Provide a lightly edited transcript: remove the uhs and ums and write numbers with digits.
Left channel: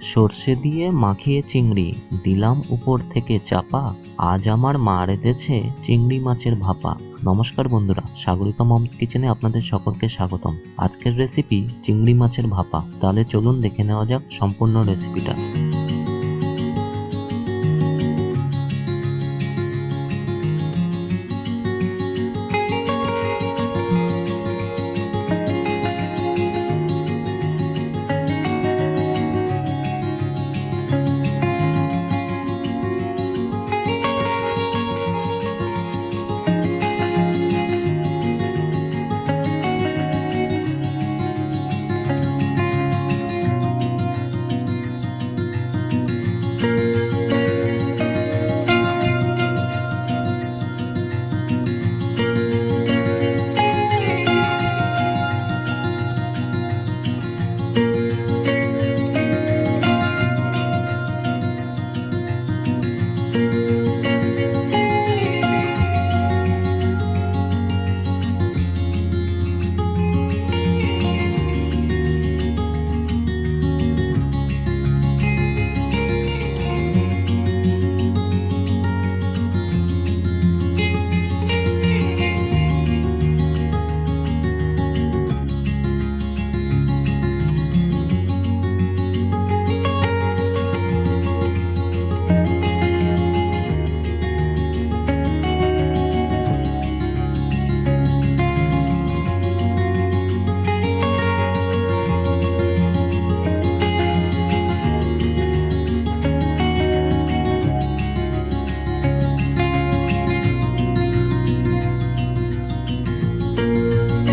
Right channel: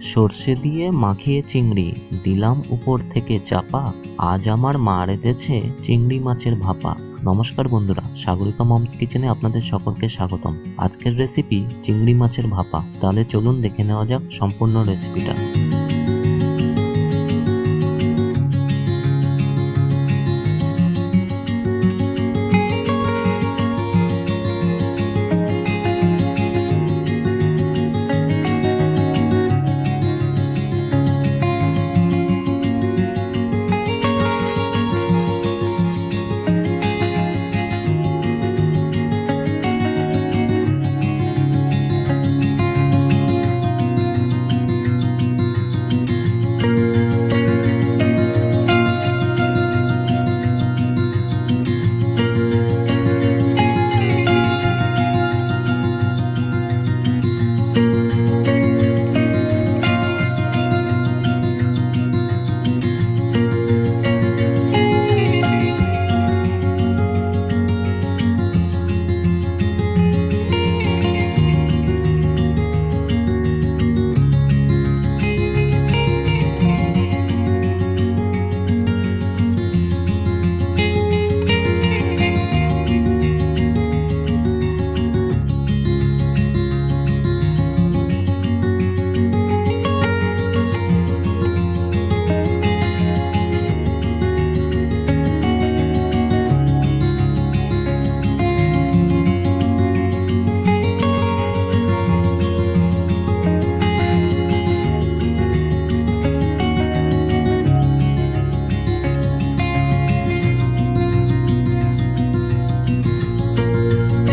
সর্ষে দিয়ে মাখিয়ে চিংড়ি দিলাম উপর থেকে চাপা, আজ আমার মা রেঁধেছে চিংড়ি মাছের ভাপা। নমস্কার বন্ধুরা, সাগরিকা মমস কিচেনে আপনাদের সকলকে স্বাগতম। আজকের রেসিপি চিংড়ি মাছের ভাপা। তাহলে চলুন দেখে নেওয়া যাক সম্পূর্ণ রেসিপিটা।